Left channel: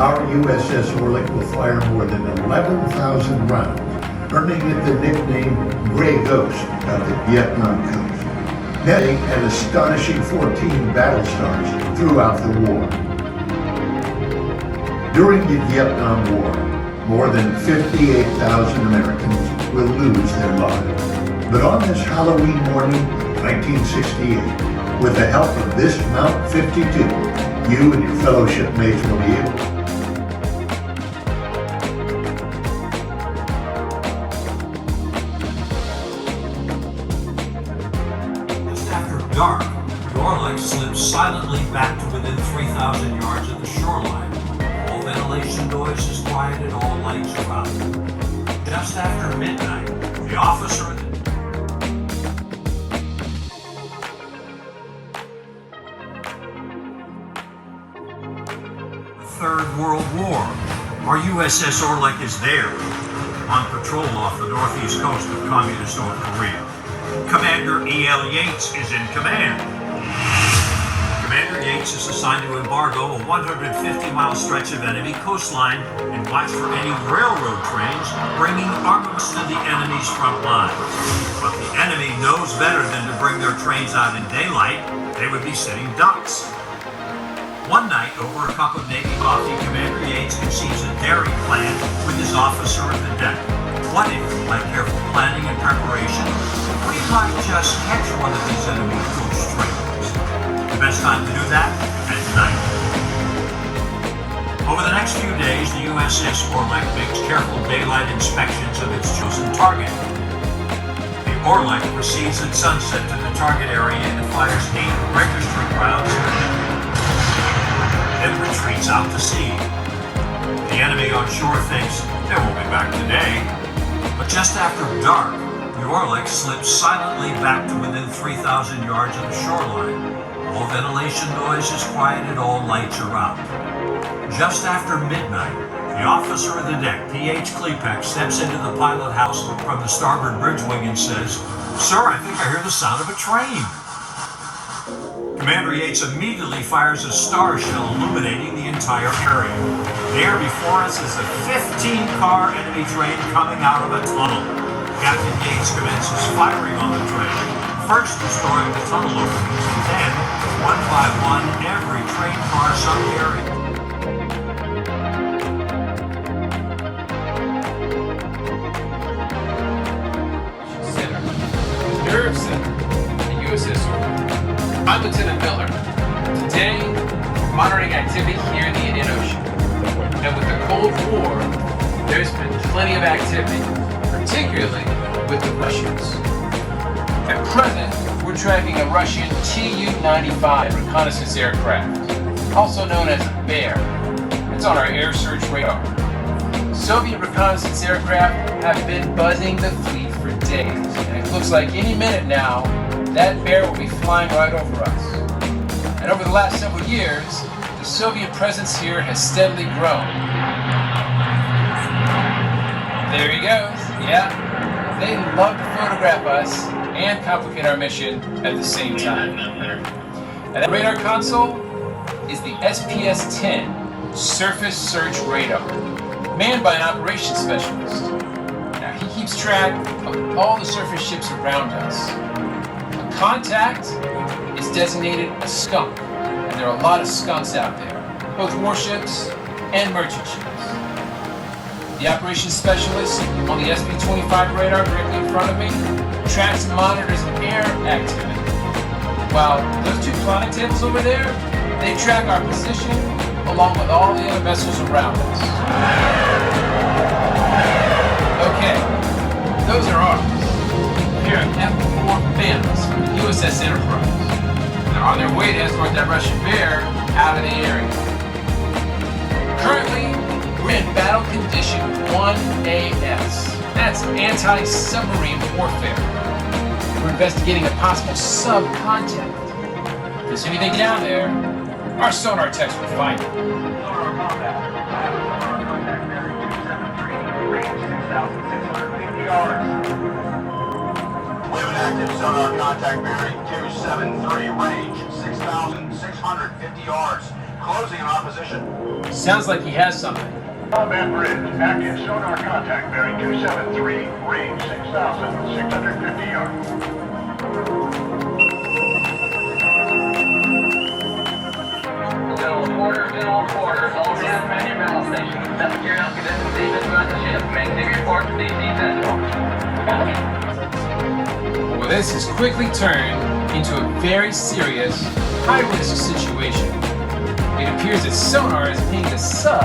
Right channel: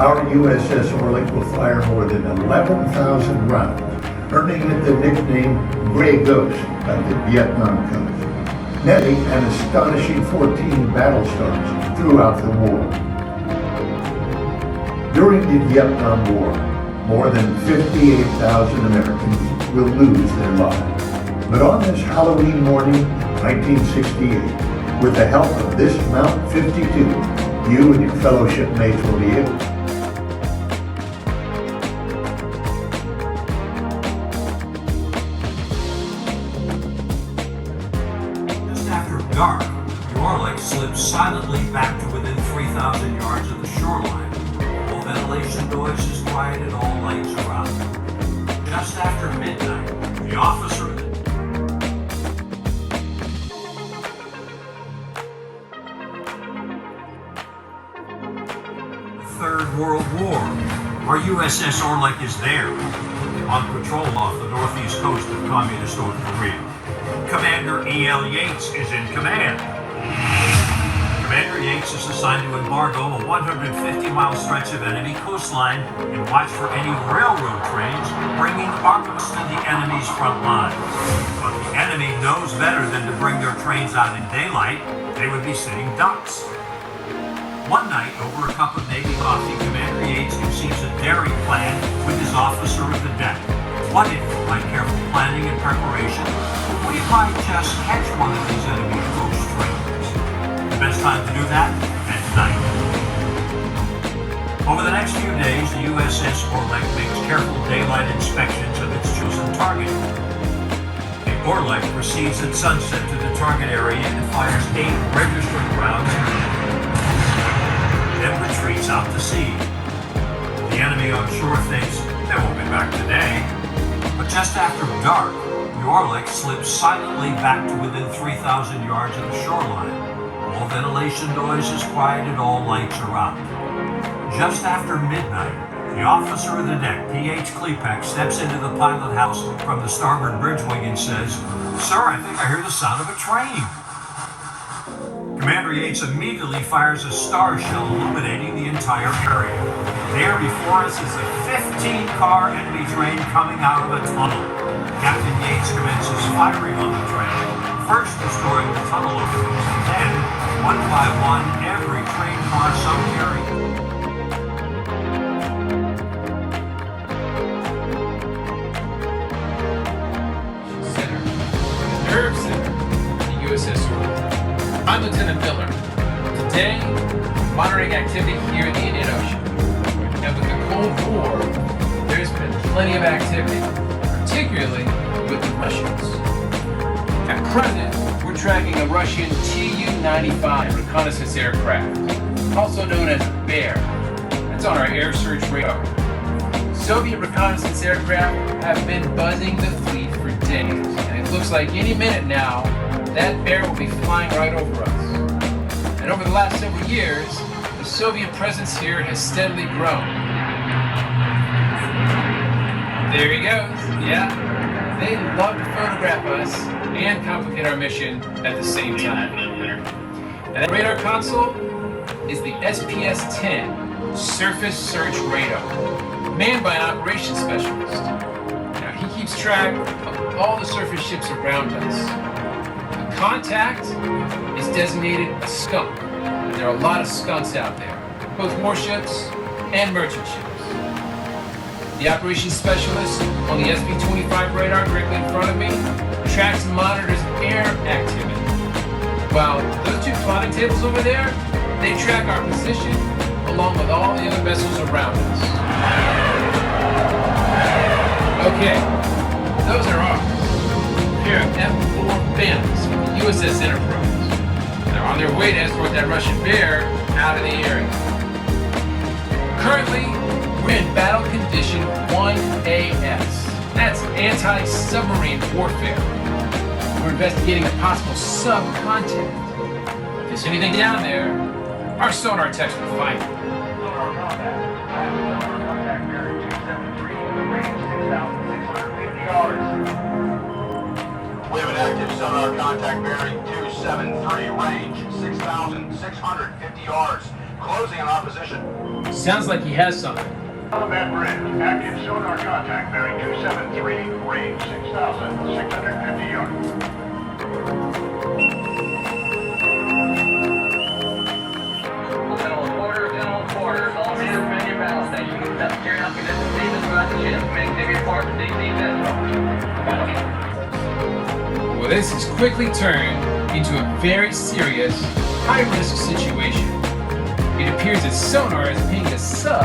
our USS Orleck will fire more than 11,000 rounds, earning it the nickname Gray Ghost of the Vietnam coast, netting an astonishing 14 battle stars throughout the war. During the Vietnam War, more than 58,000 Americans will lose their lives. But on this Halloween morning, 1968, with the help of this Mount 52, you and your fellow shipmates will be able to dark, the Orleck slips silently back to within 3,000 yards of the shoreline. All ventilation noise is quiet and all lights are out. Just after midnight, the officer... The Third World War. Our USS Orleck is there, on patrol off the northeast coast of communist North Korea. Commander E.L. Yates is in command. Commander Yates is assigned to embargo a 150-mile stretch of enemy coastline and watch for any railroad trains bringing armaments to the enemy's front lines. But the enemy knows better than to bring their trains out in daylight. They would be sitting ducks. One night, over a cup of Navy coffee, Commander Yates conceives a daring plan with his officer at the deck. What if, by careful planning and preparation, we might just catch one of these enemy coach trains? The best time to do that? At night. Over the next few days, the USS Orleck makes careful daylight inspections of its chosen target. The Orleck proceeds at sunset to the target area and fires 8 registered rounds, then retreats out to sea. The enemy on shore thinks they won't be back today. But just after dark, the Orleck slips silently back to within 3,000 yards of the shoreline. All ventilation noise is quiet and all lights are out. Just after midnight, the officer of the deck, P.H. Klepek, steps into the pilot house from the starboard bridge wing and says, "Sir, I think I hear the sound of a train." Commander Yates immediately fires a star shell illuminating the entire area. There before us is a 15-car enemy train coming out of a tunnel. Captain Yates commences firing on the train, first destroying the tunnel openings, and then, one by one, every train car so carried. Center, the nerve center, the USS Orleck. I'm Lieutenant Miller. Today, monitoring activity here in the Indian Ocean. And with the Cold War, there's been plenty of activity, particularly with the Russians. At present, we're tracking a Russian Tu-95 reconnaissance aircraft, also known as Bear. It's on our air search radar. Soviet reconnaissance aircraft have been buzzing the fleet for days, and it looks like any minute now, that Bear will be flying right over us. And over the last several years, the Soviet presence here has steadily grown. There he goes. Yeah, they love to photograph us and complicate our mission at the same time. And that radar console is the SPS-10 Surface Search Radar, manned by an operations specialist. Now, he keeps track of all the surface ships around us. Contact is designated a skunk, and there are a lot of skunks out there, both warships and merchant ships. The operations specialist on the SP-25 radar directly in front of me tracks and monitors air activity, while those 2 plotting tables over there, they track our position along with all the other vessels around us. Okay, those are ours. Pair of F-4 Phantoms from the USS Enterprise. They're on their way to escort that Russian Bear out of the area. Currently, we're in battle condition 1AS. That's anti-submarine warfare. We're investigating a possible sub-contact. If there's anything down there, our sonar techs will find it. Sonar combat. Contact bearing 273, range 6,650 yards. We have an active sonar contact bearing 273, range 6,650 yards. closing in opposition. Sounds like he has something. Combat bridge, active sonar contact, bearing 273, range 6,650 yards. Quarters in all quarters, all hands man your battle station. That's geared up to this Stevens ship. Maintain report to DC Central. Well, this has quickly turned into a very serious, high-risk situation. It appears that sonar is pinging a sub a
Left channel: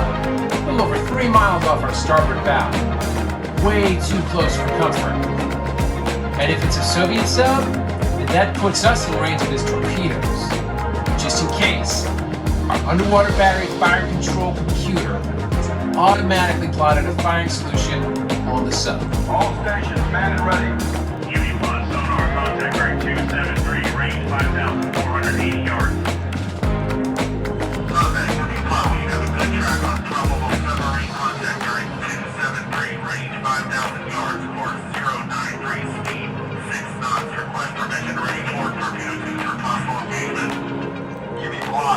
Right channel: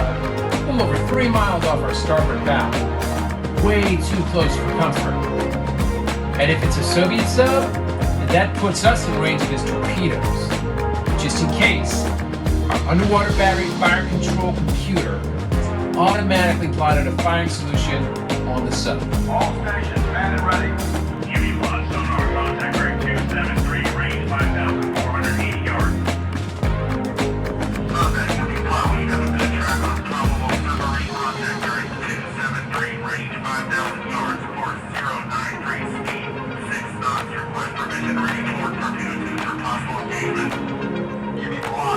little over 3 miles off our starboard bow. Way too close for comfort. And if it's a Soviet sub, then that puts us in range of his torpedoes. Just in case, our underwater battery fire control computer has automatically plotted a firing solution on the sub. All stations manned and ready. UV-1 sonar contact, bearing 273, range 5,480 yards.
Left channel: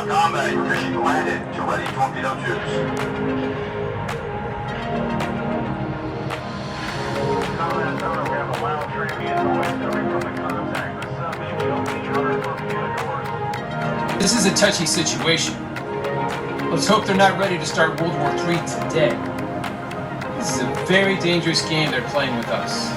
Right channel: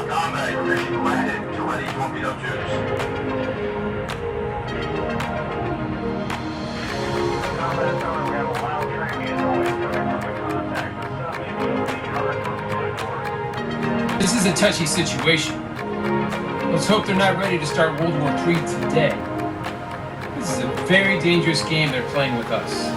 Combat, mission landed to ready torpedo tubes. This is a touchy situation. Let's hope they're not ready to start World War III today. This is a very dangerous game they're playing with us.